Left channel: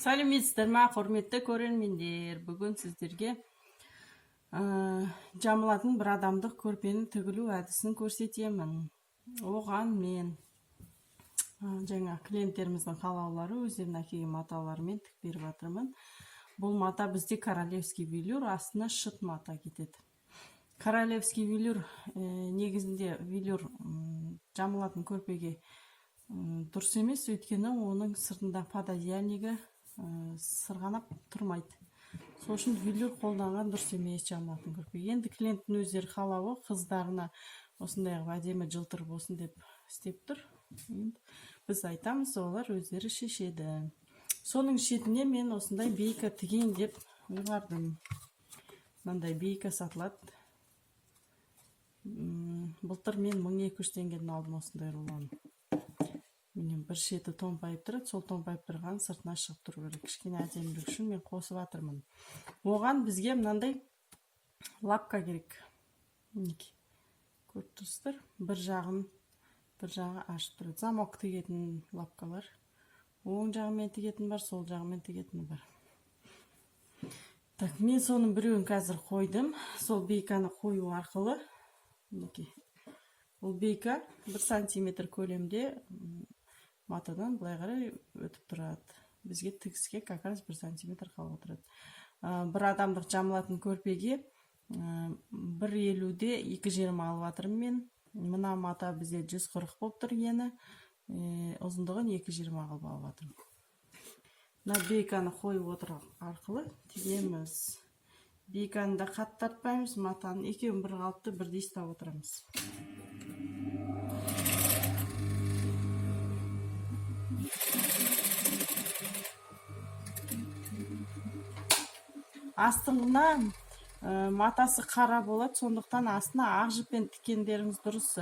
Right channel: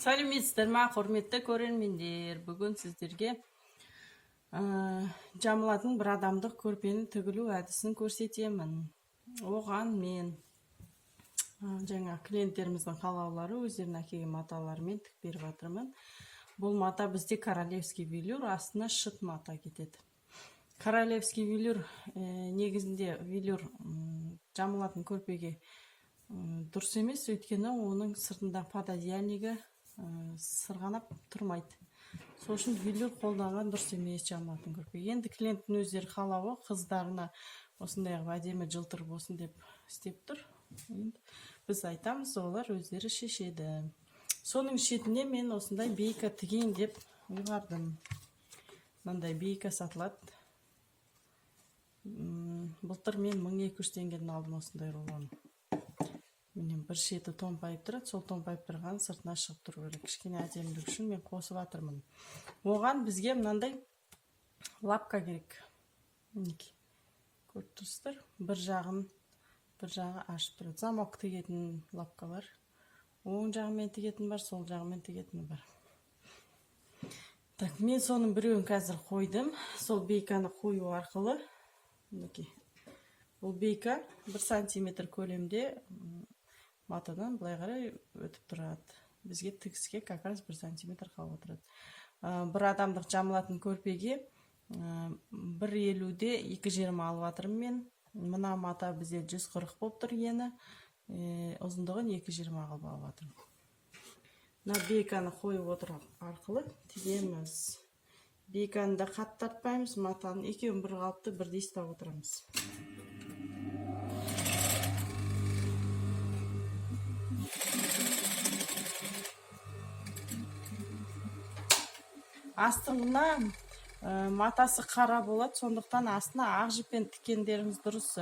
Сәлеметсіздер ма, құрметті көрермендер. Бүгін сіздерге жамылатын бір адамдық көрпенің тігілу әдісін көрсетемін. Оған мен жаңа клиенттеріміздің қалаулары өздерінің әкелген маталарымен тік беріп жатырмын. Бұл мата бізде королевский велюр, астына шыт мата кетеді. Королевский велюр негізінде велюр жамылатын көрпеге дұрыс емес, өйткені оның сыртында пододеяльнигі сырғанап тұрмайды. Сол үшін велюр қолданған дұрыс емес жамылатын көрпе. Енді клиенттің өздері қалауы қыздарына осындай әдемі жылтыр болсын деп істеп тұр. Біз айтамыз, олар өздері шешеді. Соның шетіне мен осындай бейка тігейін деп ұйғардым. Мынандай бейка сатылады. Былтыр мен 1200 теңгеден алдым осындай рулон. Менен бір шеті томпайып тұрады, сол томпайып тұрған сыртына шығып тұру керек. Кішкене әдемілік үшін мен қосып жатырмын. Оған бізге мынандай лапка керек. Көріп тұрсыздар, бір жағы ашып тұрады. Замок тігетін лапкалар. Оң жағымен тігетін бар, сол жағымен тігетін бар. Так, мен соның біреуін қазір қойдым. Сол бейканы қою арқылы, бұл бейка 1 сантиметр көлемде матадан былай қарай өтіп тұрады. Бізге тігіске как раз 1 сантиметр қалып отырады. Бір адамдық жамылатын көрпеге 1,50-де 2,20 алып жатырмын мен. Мына мата бізде 140 болып тұр ені. Ұзындығын 2,20 қылып алып жатырмын. Мына бейканы қойып отыру арқылы тігеміз. Бейканы да қатты тартпаймыз, матаның екеуін бір қалыпты бірдей ұстап отырамыз. Астыңынан матасы қара болады, сондықтан астына ақ жіппен тіккендеріңіз дұрыс.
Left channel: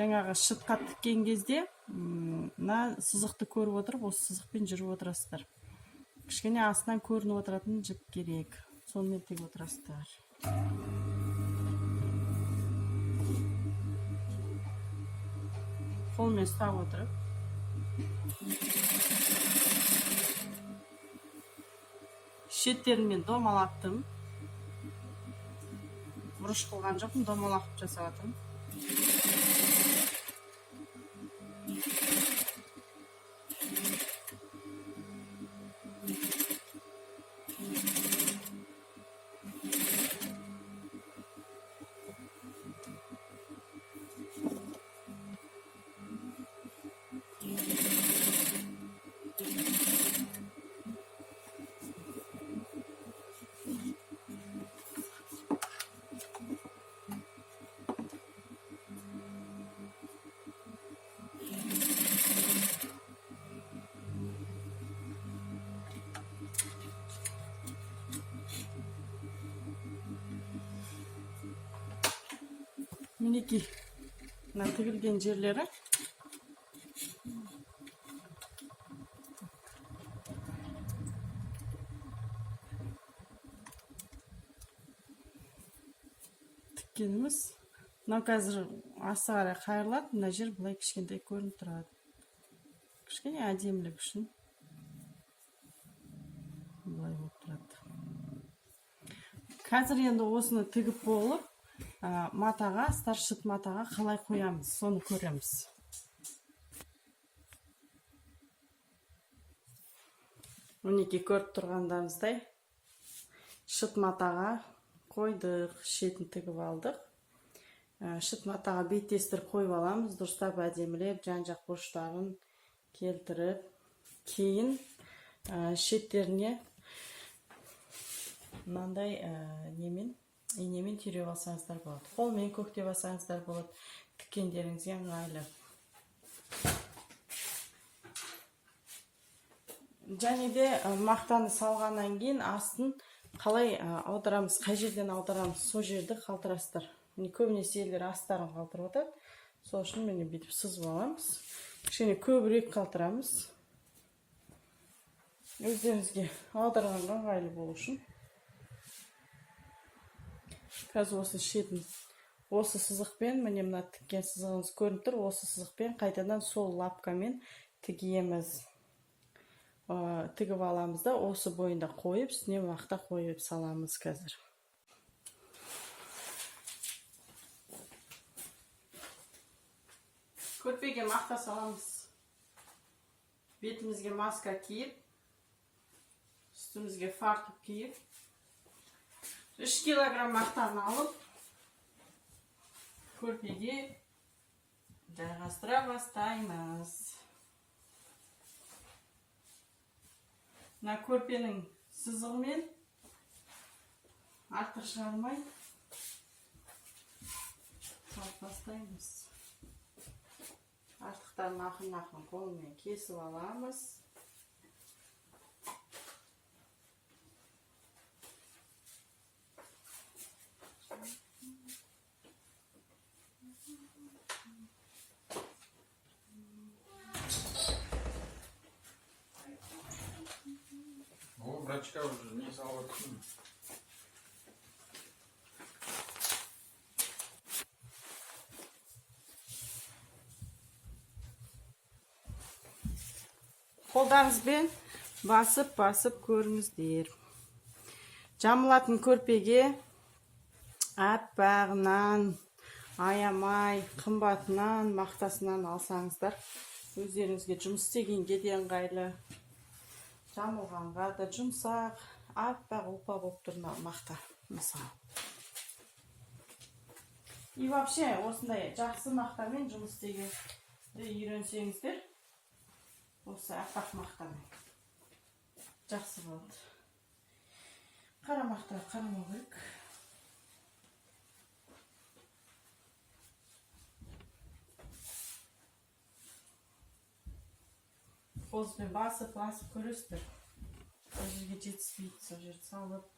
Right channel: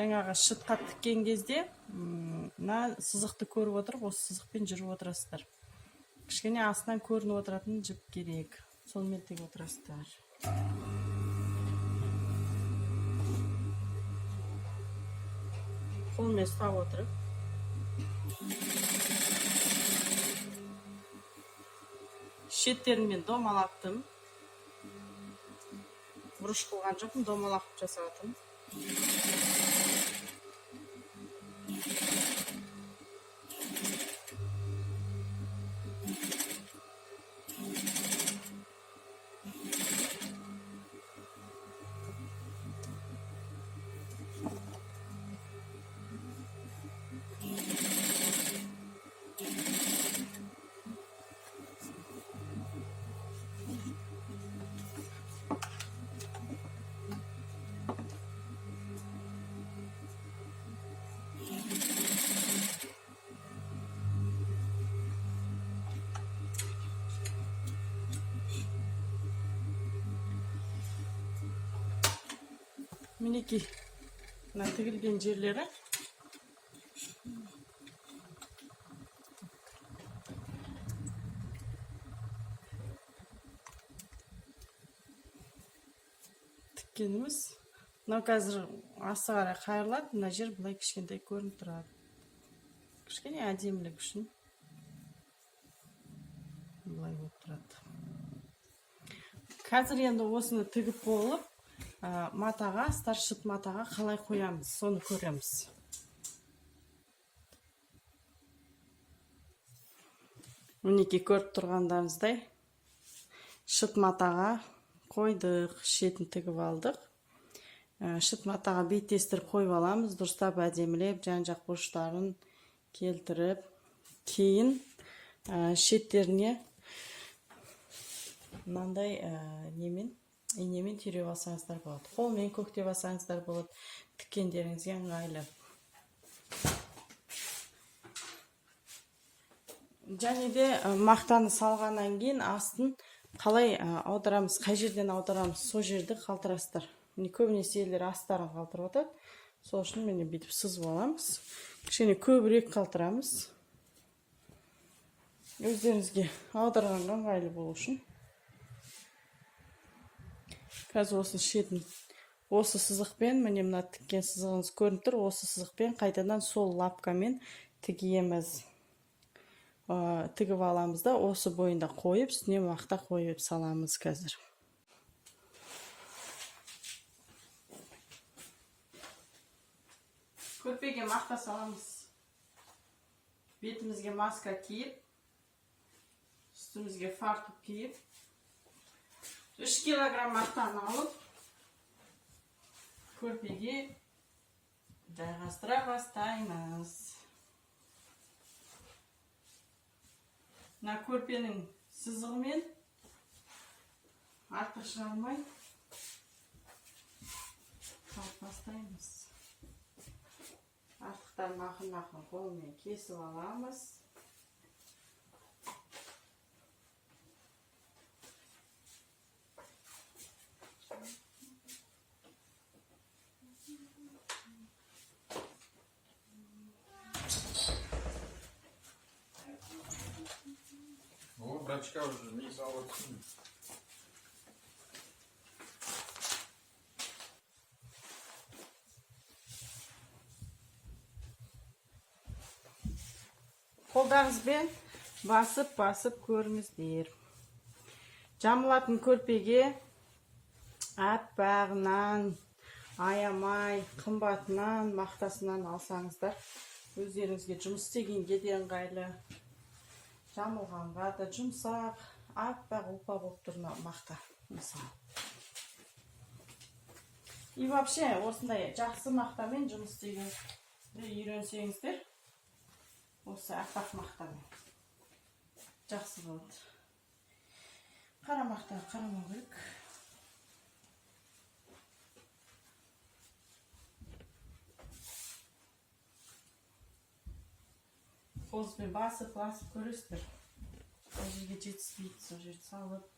Жаңағы шытқа тіккен кезде мына сызықты көріп отырып, осы сызықпен жүріп отырасыздар. Кішкене астынан көрініп отыратын жіп керек. Сонымен тігіп отырасыздар. Қолмен ұстап отырып. Шеттерімен домалаттым. Бұрыш қылған жоқпын, домалақып жасаватырмын. Мінекей, мына тігілген жерлері. Тіккеніміз. Мынау қазір асы қарай қайырлады, мына жер бұлай кішкентай көрініп тұрады. Кішкене әдемілік үшін бұлай болып тұрады. Қазір енді осыны тігіп болып, матаға, старшыт матаға қалай қоямыз, соны көреміз. Мінекей көріп тұрғандарыңыздай шыт матаға қойдық, шетін тігіп алдық. Шыт матаға беттестіріп қойып аламыз, дұрыстап әдемілеп, жан-жақ бұрыштарын келтіріп, кейін шеттеріне мынандай инемен түйреп алсаңыздар болады. Қолмен көктеп алсаңыздар болады. Тіккендеріңізге ыңғайлы. Және де мақтаны салғаннан кейін астын қалай аударамыз, қай жерден аударамыз, сол жерді қалтырасыздар. Көбінесе елдер астарын қалтырып отады. Сол үшін мен бүйтіп сызып аламыз. Кішкене көбірек қалтырамыз. Өздеріңізге аударғанға ыңғайлы болу үшін. Қазір осы шетін, осы сызықпен, міне мына тіккен сызығыңыз көрініп тұр, осы сызықпен қайтадан сол лапкамен тігеміз. тігіп аламыз да осы бойында қойып, үстіне мақта қойып саламыз қазір. Көрпеге мақта саламыз. Бетімізге маска киіп, үстімізге фартук киіп, 3 килограмм мақтаны алып, көрпеге жайғастыра бастаймыз. Мына көрпенің сызығымен артық шығармай салып бастаймыз. Артықтарын ақын-ақын қолмен кесіп аламыз. Врачка уже не салатсың. Қолдарыңызбен басып көріңіздер. Жамылатын көрпеге аппағынан, аямай, қымбатынан, мақтасынан алсаңыздар, өздеріңізге жұмыс істегенге де ыңғайлы. Жамылғанға да жұмсақ, аппақ ұлпа болып тұр мақта, мысалы. И вообще, осындай жақсы мақтамен жұмыс істегенді үйренсеңіздер, осы аппақ мақтамен жақсы болады. Қара мақта қарамау керек. Қолыңызбен басып көресіздер. Сол жерге жетіспейді, сол жерді салып.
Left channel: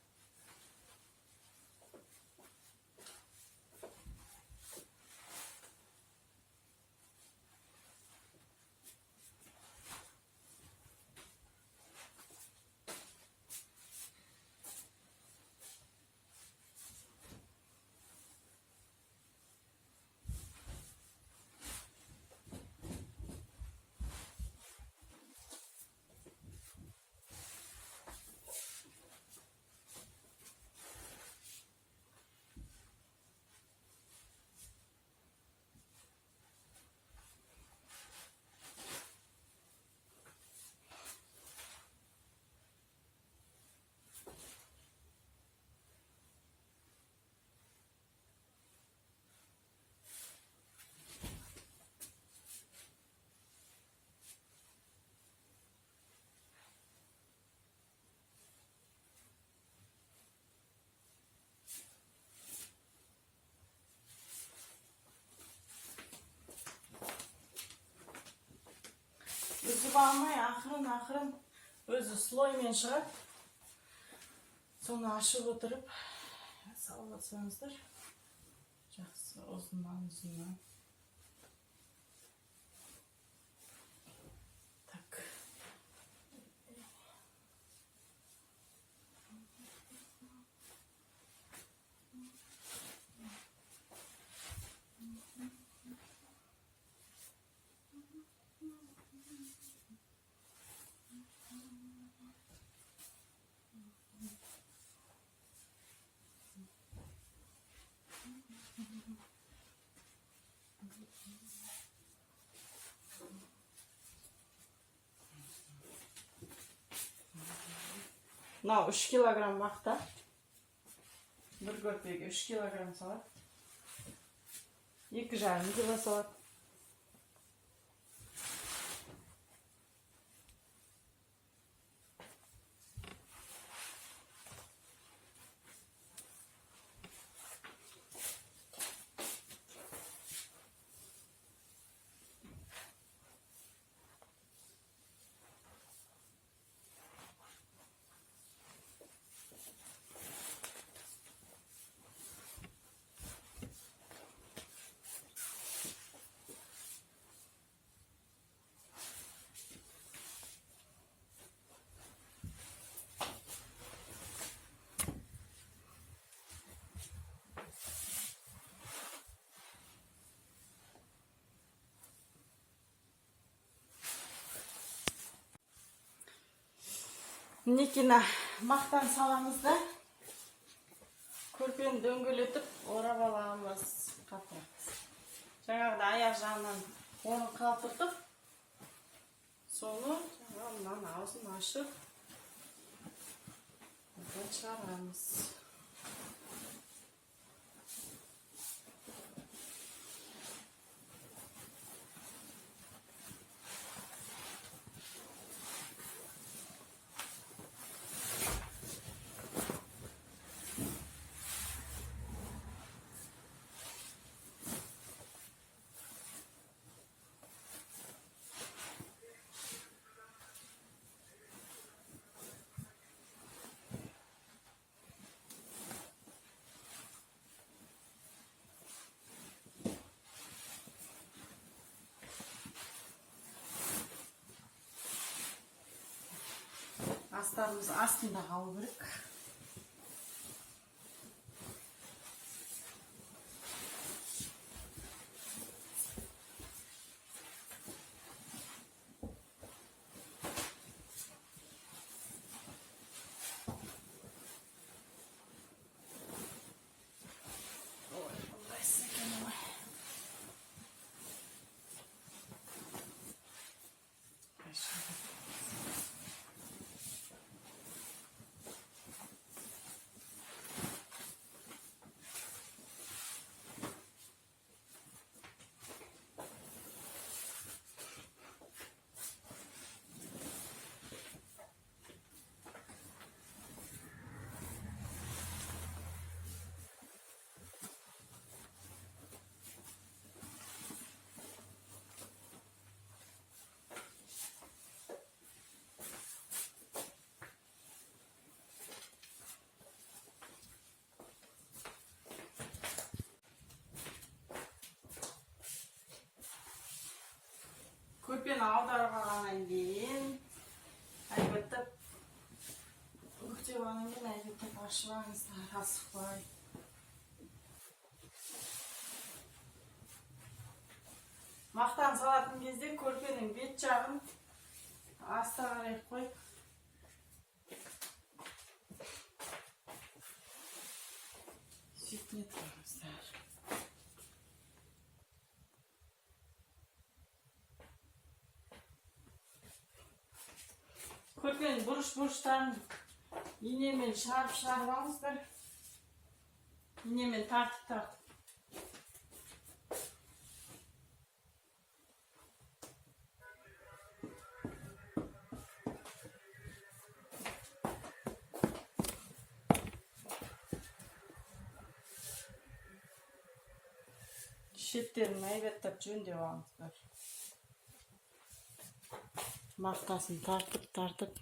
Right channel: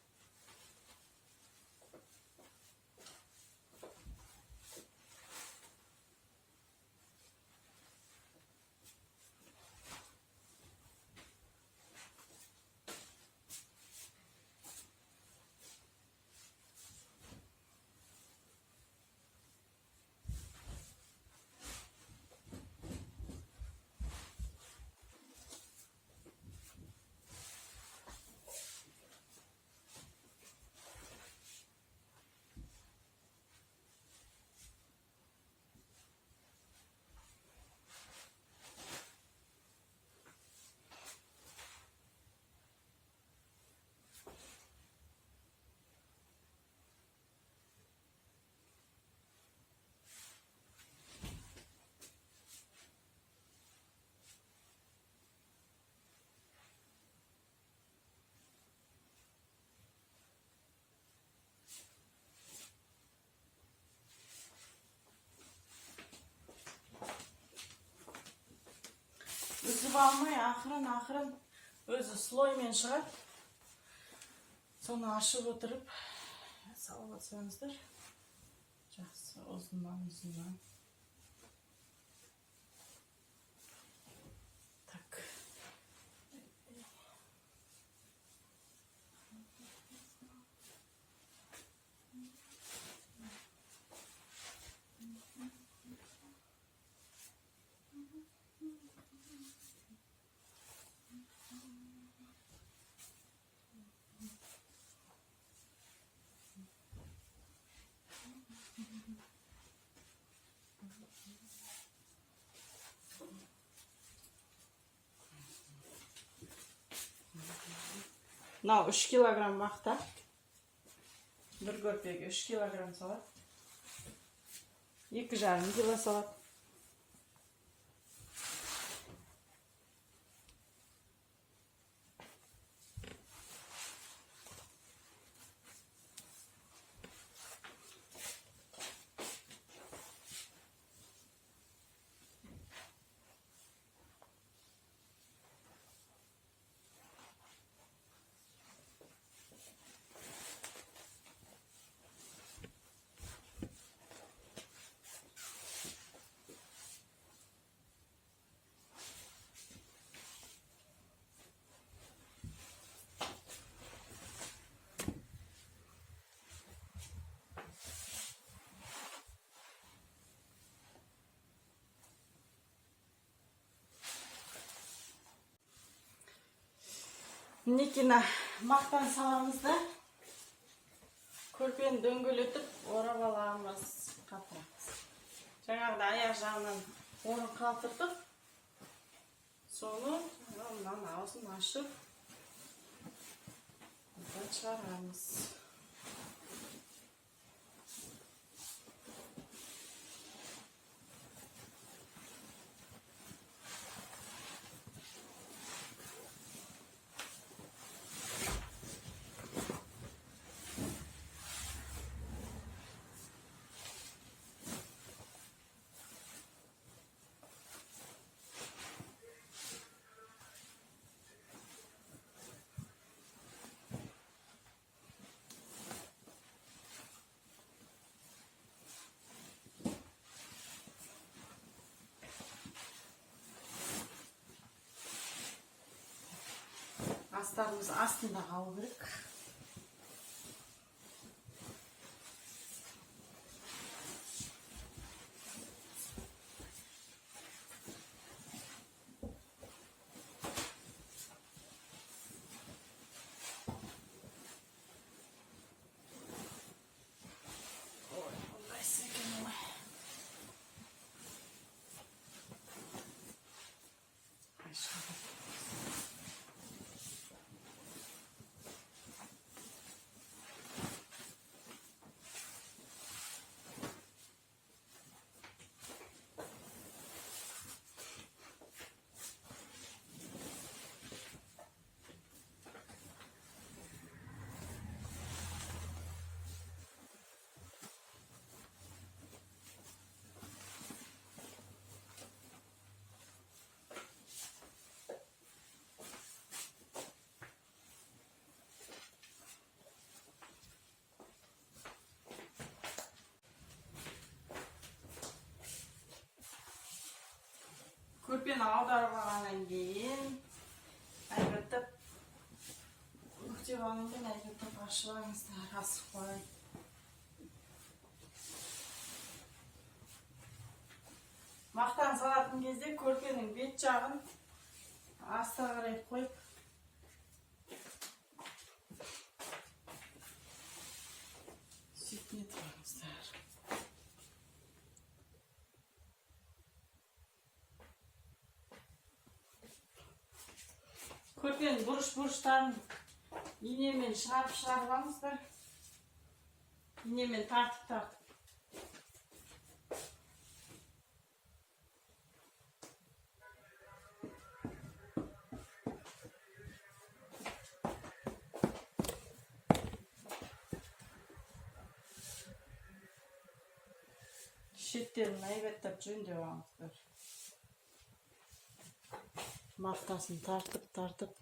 Үзіп алмай, ақырын өзі слоймен шығады. Соны ашып отырып, салып атсаңыздар. Жақсы, ұзыннан. Так. Мынау 3 килограмм мақта. Бір көрпеге 3 килограмм салат. 2,5 кило салат. Мінекей мақтан саламыз да көрпені дөңгелетіп орап аламыз. Қапырамыз. Жаңағыда аяқ жағынан орын қалтырдық. Соны мынаның аузын ашып шығарамыз. Астарымыз астында қалу керек. Ой, ыңғайсыз екен ғой. Көрпені аударып алғаннан кейін әйбіттіп бүктеп алғаннан кейін әйбіттіп ашып алыңыздар, асықпай. Мақтан салатын кезде көрпенің бет жағын астына қарай қойып сөйтіне тұрыңыздар. Көрпенің бұрыш-бұрыштарын инемен шығарып алыңыздар. Инемен тартып. Шеттерін әйбеттеп жөндеп алыңыздар. Мақтасын тартып.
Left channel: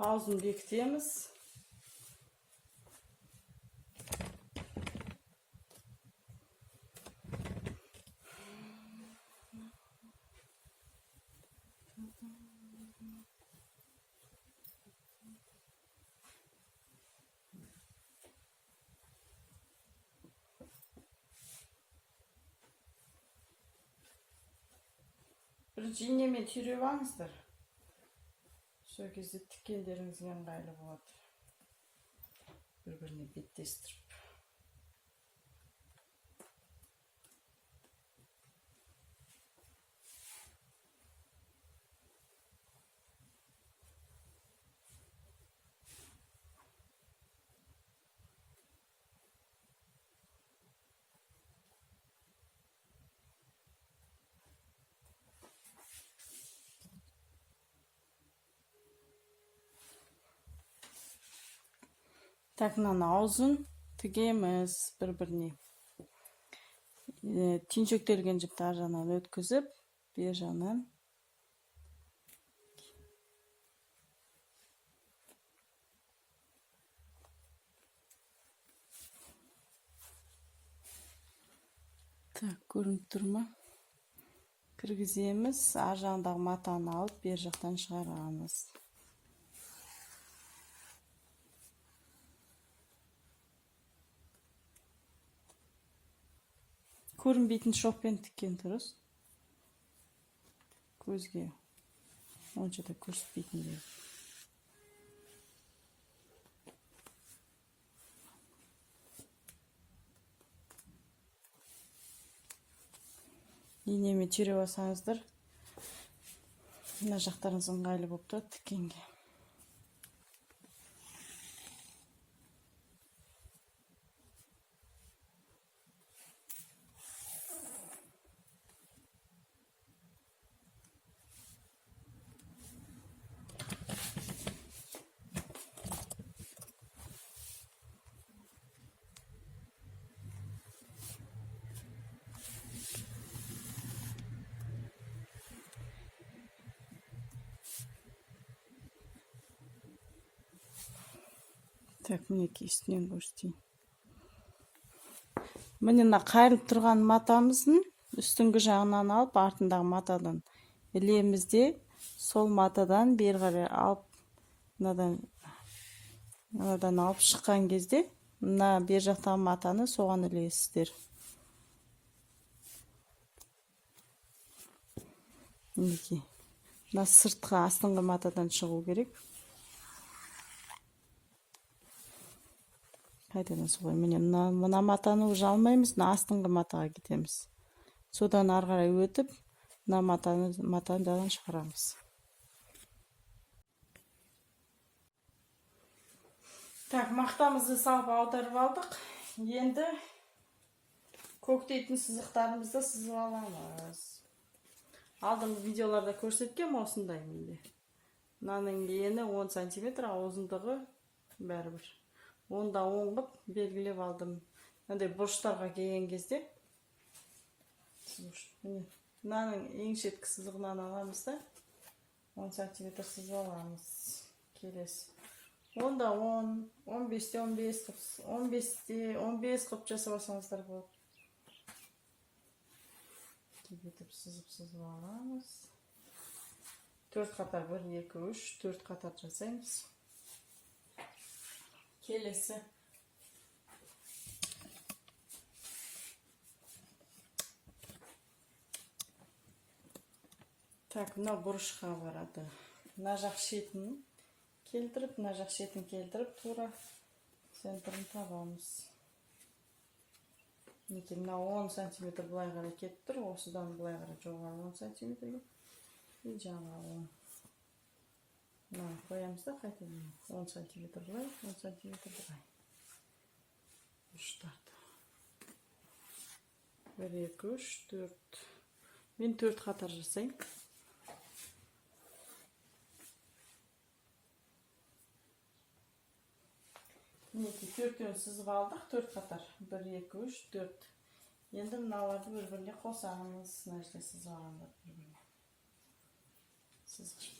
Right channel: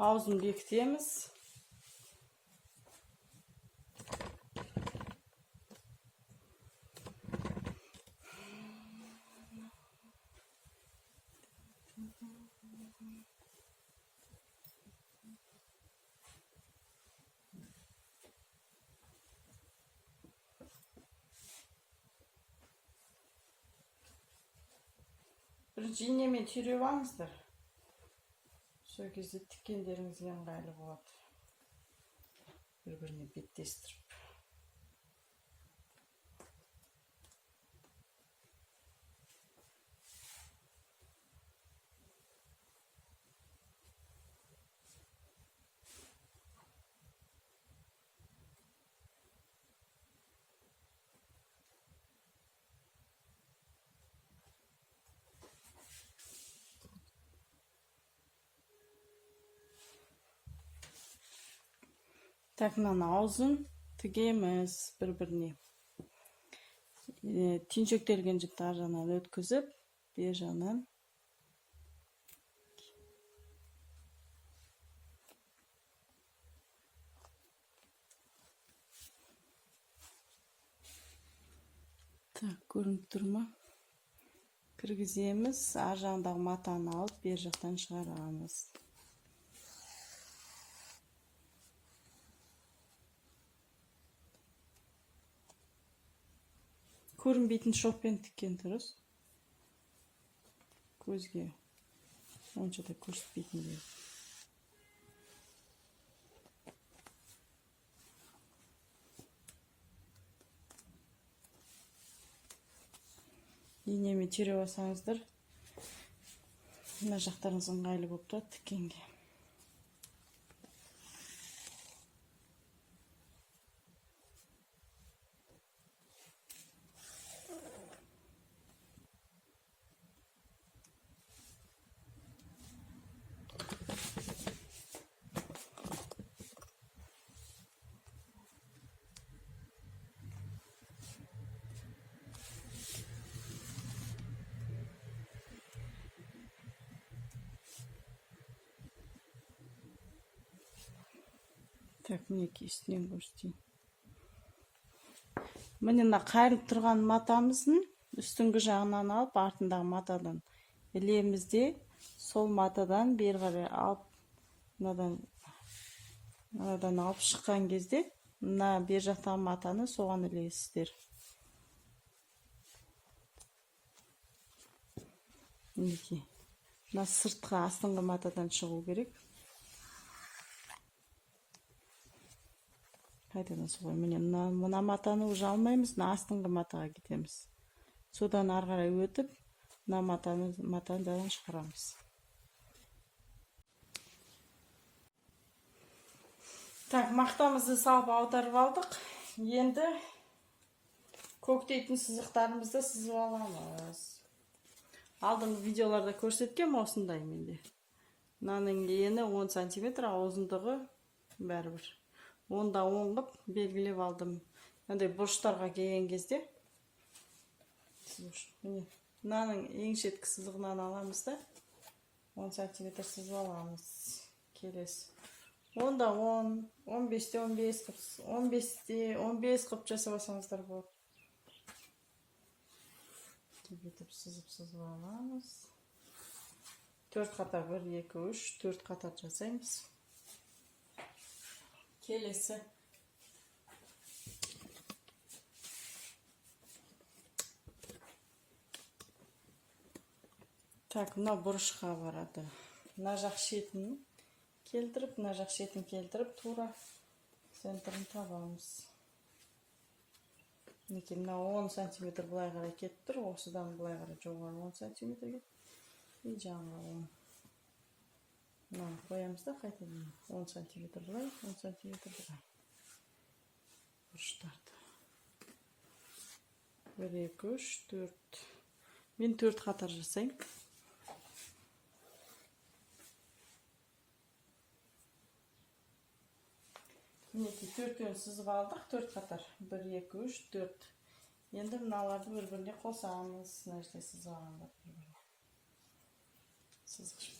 Аузын бекітеміз. Бірінші инемен түйреп алыңыздар. Сол кезде тіккендеріңізге ыңғайлы болады. Бір-біріне беттестіріп. Так, мынаны аузын тігеміз бір-біріне. Түйіншектелген жіпті ар жағынан өткізіп, бер жағынан. Так, көрініп тұр ма? Кіргіземіз, ар жағындағы матаны алып, бер жақтан шығарамыз. Көрінбейтін шоппен тіккен дұрыс. Көзге онша да көрсетпейтін де. Инемен түйреп алсаңыздар, мына жақтарыңыз ыңғайлы болып тұрады тіккенге. Так, мінекей үстінен көрсетейін. Міне қайырылып тұрған матамыздың үстіңгі жағынан алып, артындағы матадан ілеміз де, сол матадан бері қарай алып, мынадан алып шыққан кезде, мына бер жақтағы матаны соған ілесіздер. Мінекей. Мына сыртқы астыңғы матадан шығу керек. Қайтадан солай, міне мына матаны уже алмаймыз, мына астыңғы матаға кетеміз. Содан ары қарай өтіп, мына матадан шығарамыз. Так, мақтамызды салып аударып алдық. Енді көктейтін сызықтарымызды сызып аламыз. Алдыңғы видеоларда көрсеткем осындай менде. Мынаның ені 10 см, ұзындығы бәрібір. Онда оңғып белгілеп алдым. Мынандай бұрыштарға келген кезде мынаның ең шеткі сызығынан аламыз да 10 см сызып аламыз. Келесі. Онда 10, 15-те 15, 15-те 15 қып жасап алсаңыздар болады. Кетіп сызып аламыз. 4 қатар 1, 2, 3, 4 қатар жасаймыз. Келесі. Так, мына бұрышқа барады. Мына жақ шетін келтіріп, мына жақ шетін келтіріп, тура центрін табамыз. Мінекей, мына 10 см былай қарай кетіп тұр, осыдан былай қарай жоғары 10 см и жаңа 10. Мына қоямыз да қайтадан 10 см былай, 10 см былай. Бұрыштарды. 1, 2, 3, 4. Мен 4 қатар жасайым. Мінекей 4-тен сызып алдық, 4 қатар. 1, 2, 3, 4. Енді мыналарды бір-біріне қосамыз. Мына жерде сызып алғандар бір-біріне. Сызғыш.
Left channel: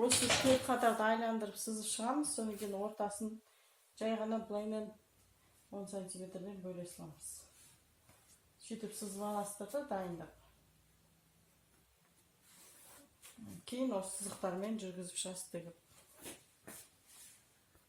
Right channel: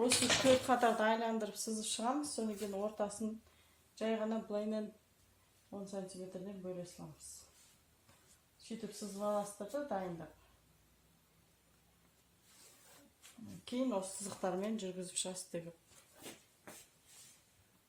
Осы 4 қатарды айландырып сызып шығамыз, содан кейін ортасын жай ғана былаймен 10 см-ден бөле саламыз. Сөйтіп сызып аласыздар да дайындап. Кейін осы сызықтармен жүргізіп шығасыз деп